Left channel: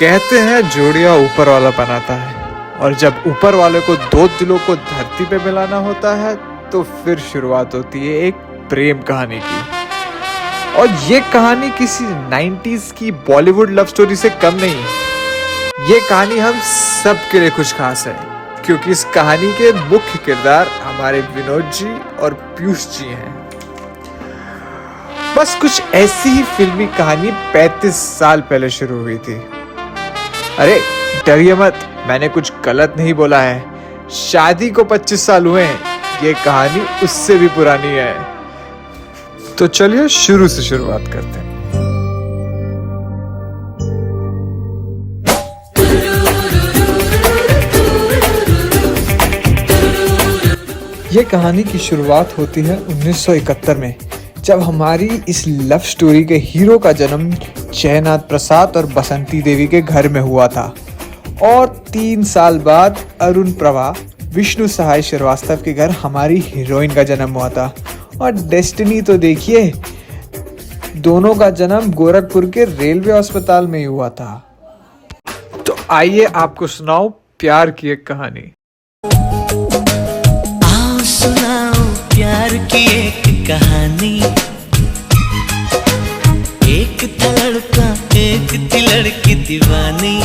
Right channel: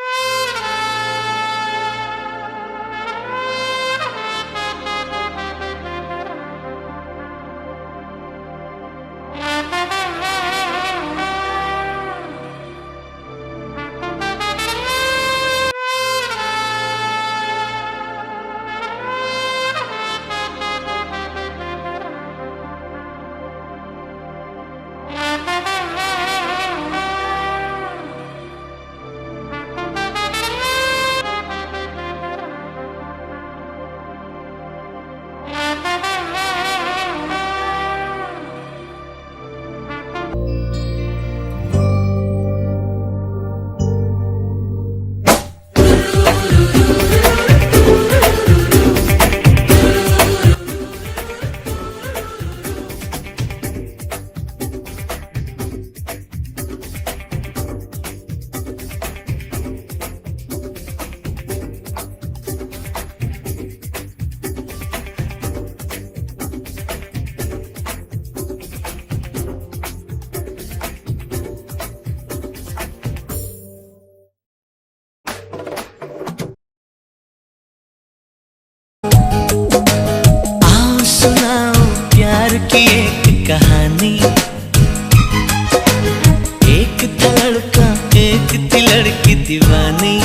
कहते हैं जोड़ियां ऊपर वाला बनाता है और जब ऊपर वाले को दो दिलों को धरती पे मिलाना होता है तो फिर शुरुआत होती है एक प्रेम कहानी की। और ये कहानी किसी 90s की बॉलीवुड लव स्टोरी से कम नहीं है। ये कहानी हम सब के लिए कुछ खास है क्योंकि इस कहानी के मुख्य किरदार हमारे विनोद जी और पीयूष जी हैं। बस कुछ ऐसी ही फिल्मी कहानी 35 साल पहले शुरू हुई थी। अरे डरिए मत, मैंने कुछ गलत नहीं बोला है। शादी को 25 साल हुए हैं। ये कहानी उससे भी पुरानी है। तो चलिए शुरू से शुरुआत करते हैं। ये कहानी की शुरुआत होती है 1971 में, जब हमारी इस लव स्टोरी के हीरो का जन्म जयनाथ प्रसाद और बसंती देवी के घर में हुआ था। और 3 साल बाद अरुण प्रभा विष्णु सहाय श्रीवास्तव के घर हमारी हीरोइन का जन्म हुआ था। और डेस्टिनी तो देखिए, दोनों का जन्म गोरखपुर के रेलवे अस्पताल में ही हुआ था। तो आइए आपको सुनाऊं प्यार की एक कहानी। आओ सुनाओ प्यार की एक कहानी। एक था लड़का एक थी लड़की दीवानी,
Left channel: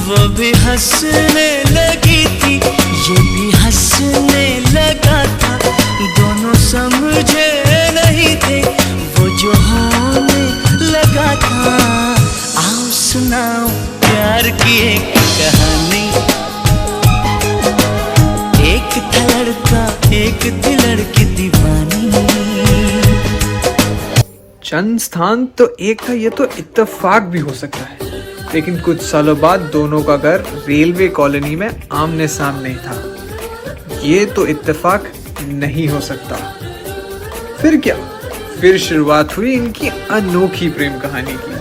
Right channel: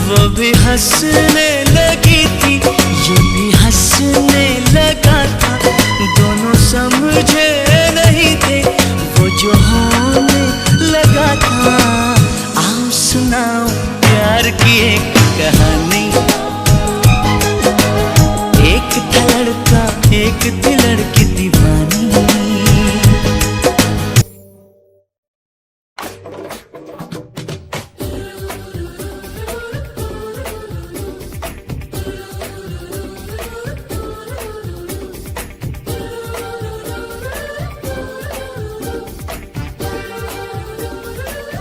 वो भी हंसने लगी थी ये भी हंसने लगा था। दोनों समझे नहीं थे वो जो होने लगा था। आओ सुनाओ प्यार की एक कहानी। एक था लड़का एक थी लड़की दीवानी। जन्म स्थान तो एक था, ये तो इत्तेफाक भी हो सकता है, लेकिन कुछ सालों बाद दोनों का घर रेलवे कॉलोनी में आमने सामने ही था। ये तो इत्तेफाक नहीं हो सकता। फिर क्या? फिर शुरुआत हुई इनकी अनोखी प्रेम कहानी की।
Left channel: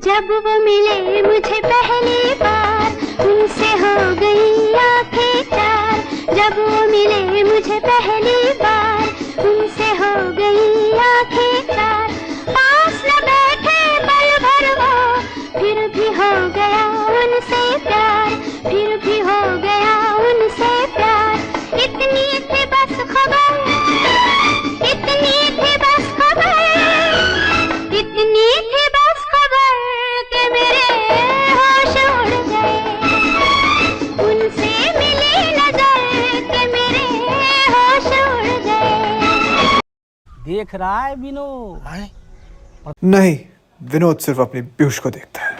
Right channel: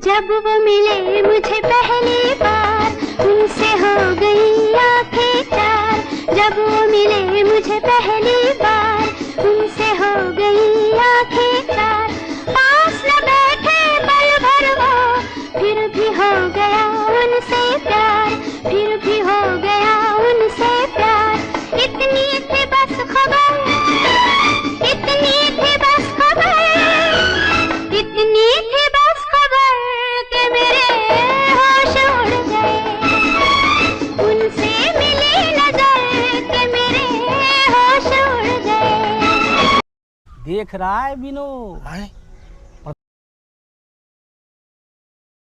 जब वो मिले मुझे पहली बार, उनसे हो गई आंखें चार। जब वो मिले मुझे पहली बार, उनसे हो गई आंखें चार। पास न बैठे पल भर वो, फिर भी हो गया उनसे प्यार, फिर भी हो गया उनसे प्यार। इतनी थी बस खबर, इतनी थी बस खबर, इतनी थी बस खबर कि मेरे होश उड़ गए। उनसे मिली नजर कि मेरे होश उड़ गए। देख रहा है विनोद? नहीं, विनोद सिर्फ अपने पीयूष को देखता है।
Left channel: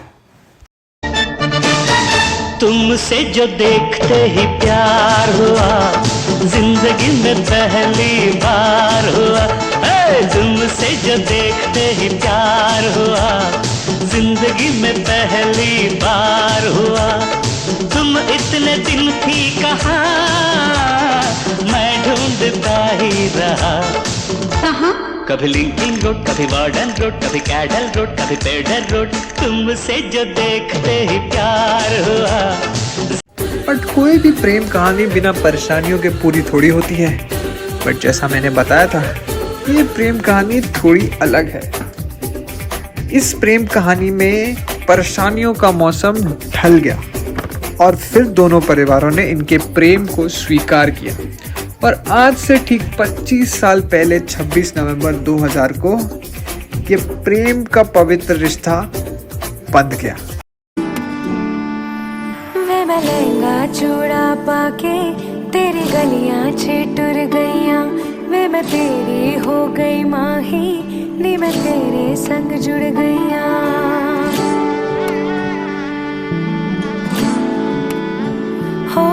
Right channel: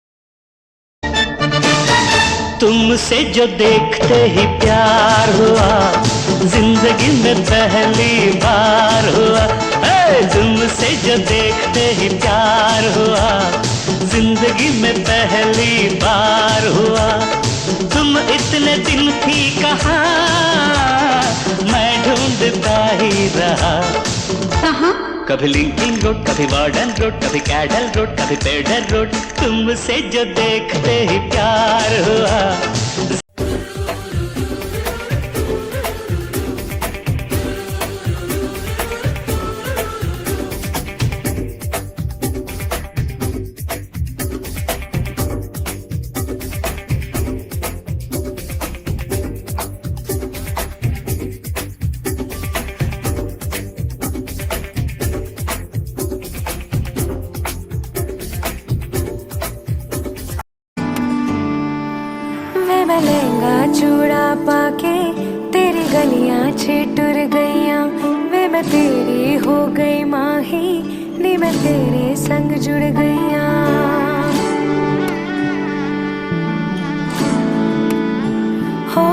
तुमसे जो देखते ही प्यार हुआ, जिंदगी में पहली बार हुआ। तुमसे जो देखते ही प्यार हुआ, जिंदगी में पहली बार हुआ। तुम इतने दिन थी कहाँ, मैं ढूंढता ही रहा। कभी लिंकिंग रोड, कभी वार्डन रोड, कभी कैडल रोड, कभी पेडल रोड। तुमसे जो देखते ही प्यार हुआ। बट कोई भी प्रेम कहानी बिना परेशानियों के पूरी थोड़ी होती है। बट जैसा मैंने बताया था, ये प्रेम कहानी थोड़ी अलग है। इस प्रेम कहानी में परेशानियों का मौसम ढल गया और फिर दोनों परिवारों ने इनके प्रेम को स्वीकार किया। और आज से ठीक 25 साल पहले 26 नवंबर 2000 को ये प्रेम का पवित्र रिश्ता बंध गया। वे मैं लहंगा चूड़ा पाके तेरी गलियां छिटुर गईयां। वे मैं तेरी हो गई माही, नी मैं तेरे संग जुड़ गईयां। हो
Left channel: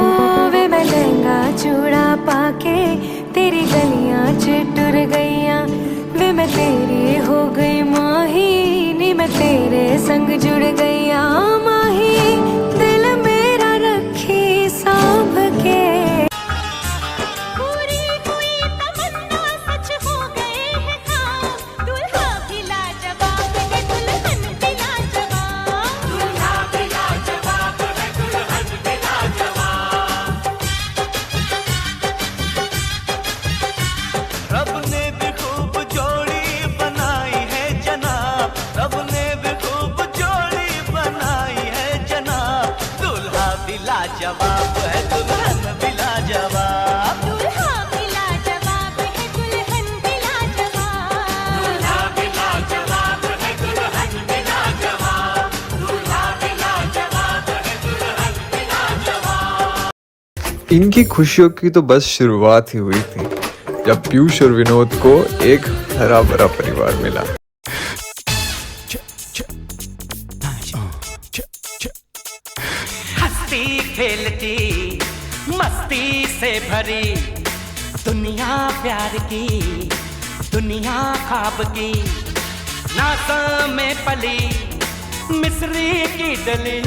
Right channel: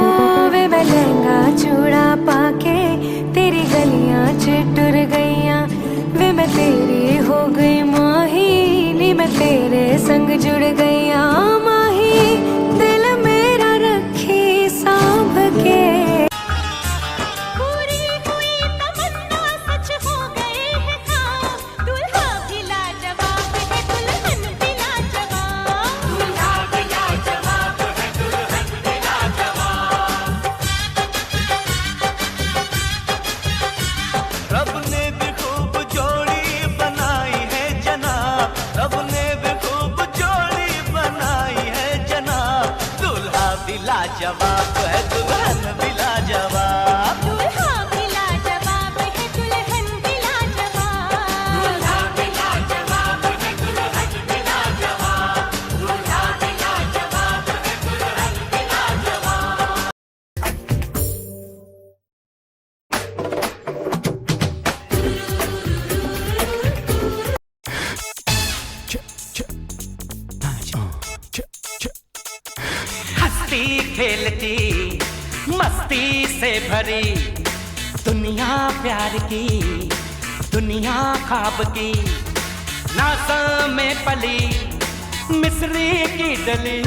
वे मैं लहंगा चूड़ा पाके तेरी गलियां छिटुर गईयां। वे मैं तेरी हो गई माही, नी मैं तेरे संग जुड़ गईयां। माही दिल मेरा रखी सांभ के। पूरी हुई तमन्ना सच हो गए हैं काम। दूल्हा भी लाजवाब है, दुल्हन भी लाजवाब। दूल्हा भी लाजवाब है, दुल्हन भी लाजवाब। रब ने भी खूब जोड़ी बनाई है जनाब, रब ने भी भी लाजवाब है, दुल्हन भी लाजवाब। दूल्हा भी लाजवाब है, दुल्हन भी इनकी खुशियों की तो बस शुरुआत ही हुई थी जब पीयूष और विनोद को एक हरा भरा परिवार मिला। हंसती खेलती मस्ती से भरी दुनिया प्यार की, दुनिया ख्वाब की, नासा में पली मिस्री की डली,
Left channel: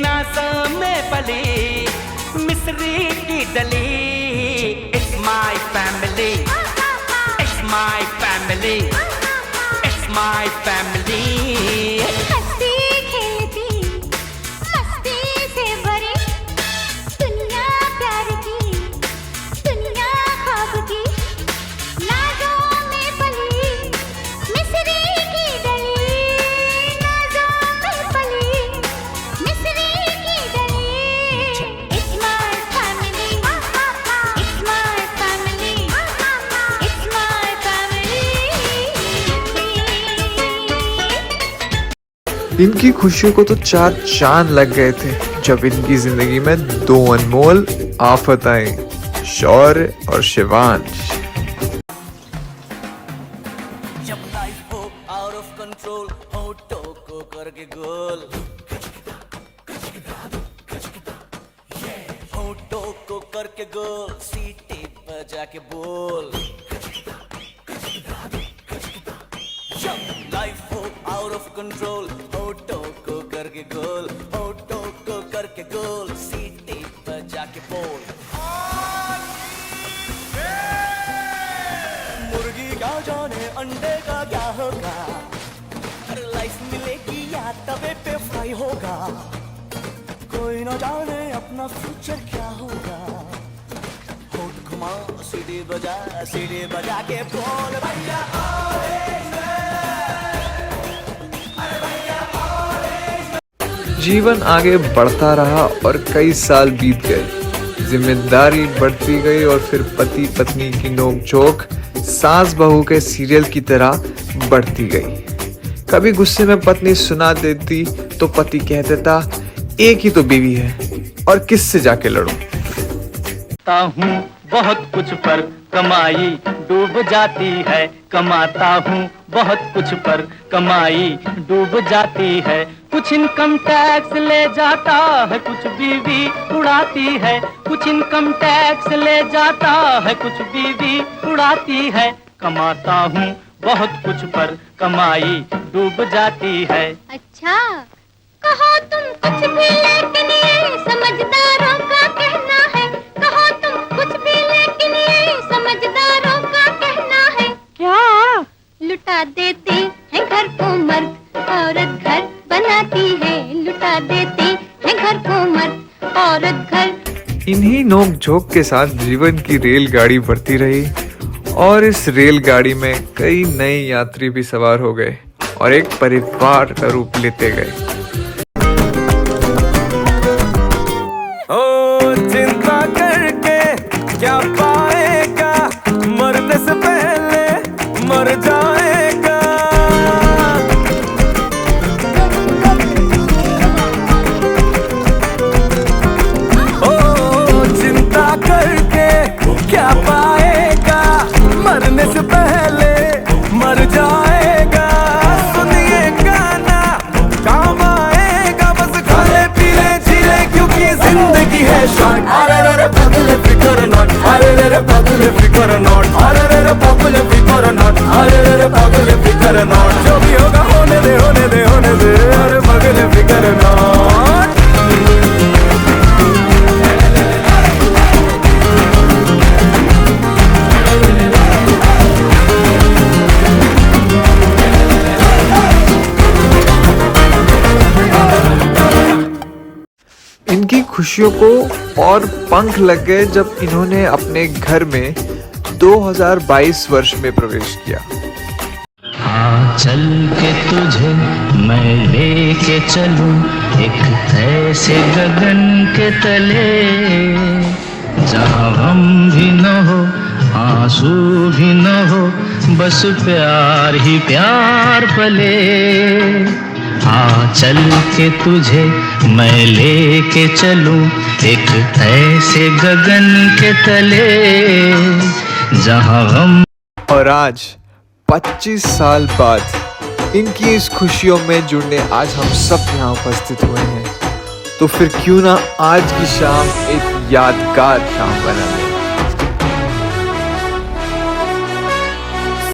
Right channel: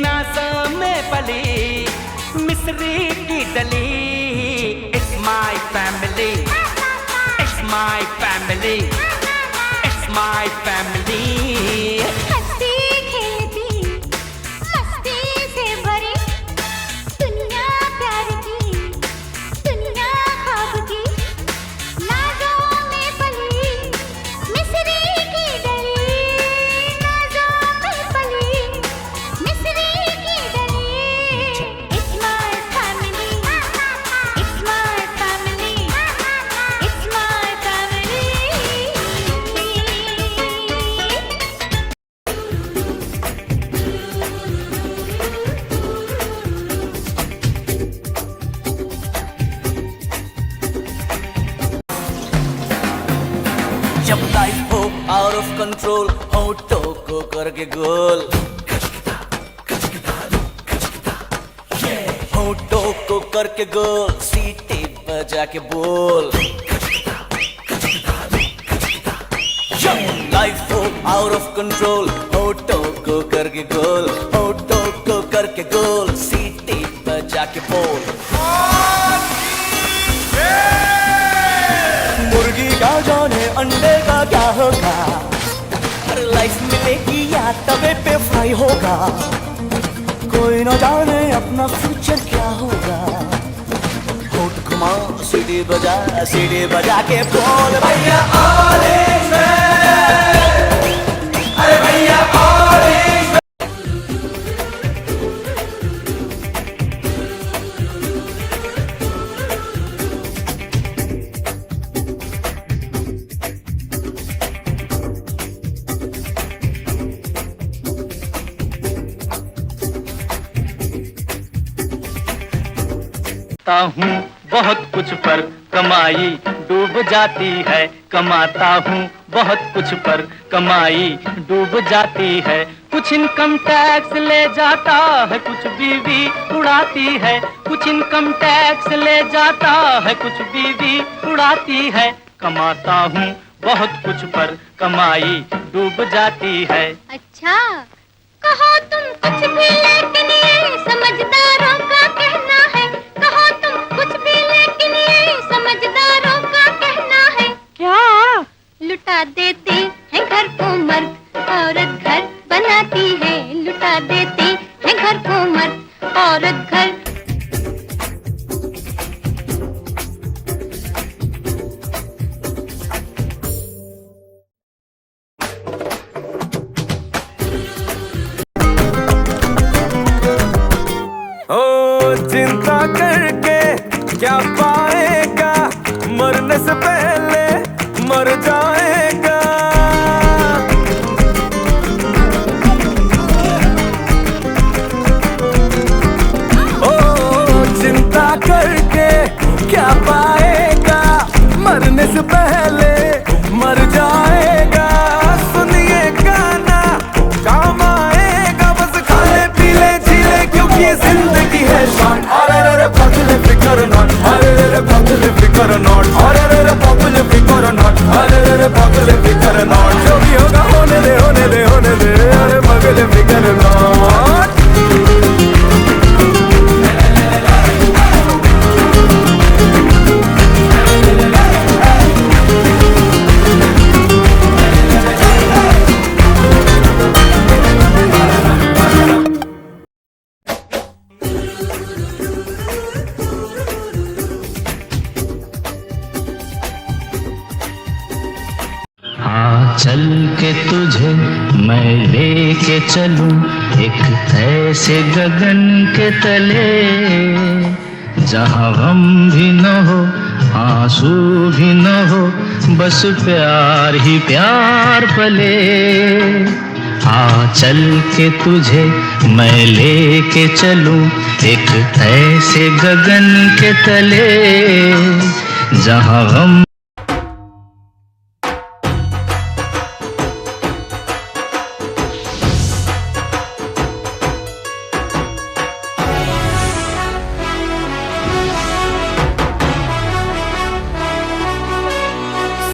नासा में पली मिस्री की डली। It's my family, it's my family, it's my family। हंसती खेलती मस्ती से भरी दुनिया प्यार की, दुनिया ख्वाब की, नाज़ों में पली मिस्री की डली, नाज़ों में पली मिस्री की डली। It's my family, it's my family, it's my family। इनकी खुशियों को तो चार चांद लग गए थे जब इनकी जिंदगी में दो अनमोल आफत आई, शौर्य और शिवांश। जब लाइफ हो आउट ऑफ कंट्रोल, होठों को करके गोल, होठों को करके गोल, सीटी बजा के बोल। जब लाइफ हो आउट ऑफ कंट्रोल, होठों को करके गोल, होठों को करके गोल, सीटी बजा के बोल। मुर्गी का जाने अंडे का क्या होगा, अरे लाइफ मिलेगी या तवे पे फ्राई होगा, कोई न जाने अपना फ्यूचर क्या होगा। होठ घुमा सीढ़ी बजा के बोल भैया ऑरेंज मैन, अरे भैया ऑरेंज मैन। जीवन आगे बढ़ता रहा और कई साल बीत गए, जिम्मेदारी बढ़ती गई और फिर पति पत्नी की नोकझोंक सास बहू के सीरियल की तरह बढ़ती गई। कभी गुस्से में पत्नी सुना देती तो पति कह देता एक ही तो बीवी है और किससे जाके लड़ूं। कमाता हूँ बहुत कुछ पर कमाई डूब जाती है, कमाता हूँ बहुत कुछ पर कमाई डूब जाती है। कुछ इनकम टैक्स ले जाता है, कुछ बीवी उड़ाती है, कुछ इनकम टैक्स ले जाता है, कुछ बीवी उड़ाती है। कमाता हूँ बहुत कुछ पर कमाई डूब जाती है। अच्छा कहो तुम कुछ भी लेकिन ये समझदारों का कहना है, कहो तुम कुछ भी लेकिन ये समझदारों का कहना है। क्या? लुटा देते हैं घर को मर्द, औरत घर बनाती है। लुटा देते हैं घर को मर्द, औरत घर। इन्हीं नोक झोंक के साथ जीवन की रेलगाड़ी बढ़ती रही और इस रेलगाड़ी में कई नए यात्री भी सवार हो गए और एक परिवार का रूप लेते गए। ओ चिंता करके क्या पाएगा, मरने से पहले मर जाएगा। ओ चिंता करके क्या पाएगा, मरने से पहले मर जाएगा। सुनिए गाना काम आएगा, बस खाने पीले जीले क्योंकि ये जिंदगी है शॉर्ट। अरे पगले फिकर नॉट, अरे पगले फिकर नॉट, अरे पगले फिकर नॉट, अरे पगले फिकर नॉट। जो भी होगा होने दे होने दे होने दे, अरे पगले फिकर नॉट। इनकी खुशियों को और पंख लग गए जब इन्होंने अपने घर में 2022 वर्ष में प्रवेश किया। हाथ चल के तुझे मैं लेके चलूं एक ऐसे गगन के तले, जहाँ गम भी न हो आंसू भी न हो, बस प्यार ही प्यार पले। चल के तुझे मैं लेके चलूं एक ऐसे गगन के तले, जहाँ गम। और आज 25 साल बाद इनकी इस खुशियों में जुड़ने आज हम सब यहाँ उपस्थित हुए हैं, तो फिर क्यों ना आज की शाम एक यादगार शाम बना।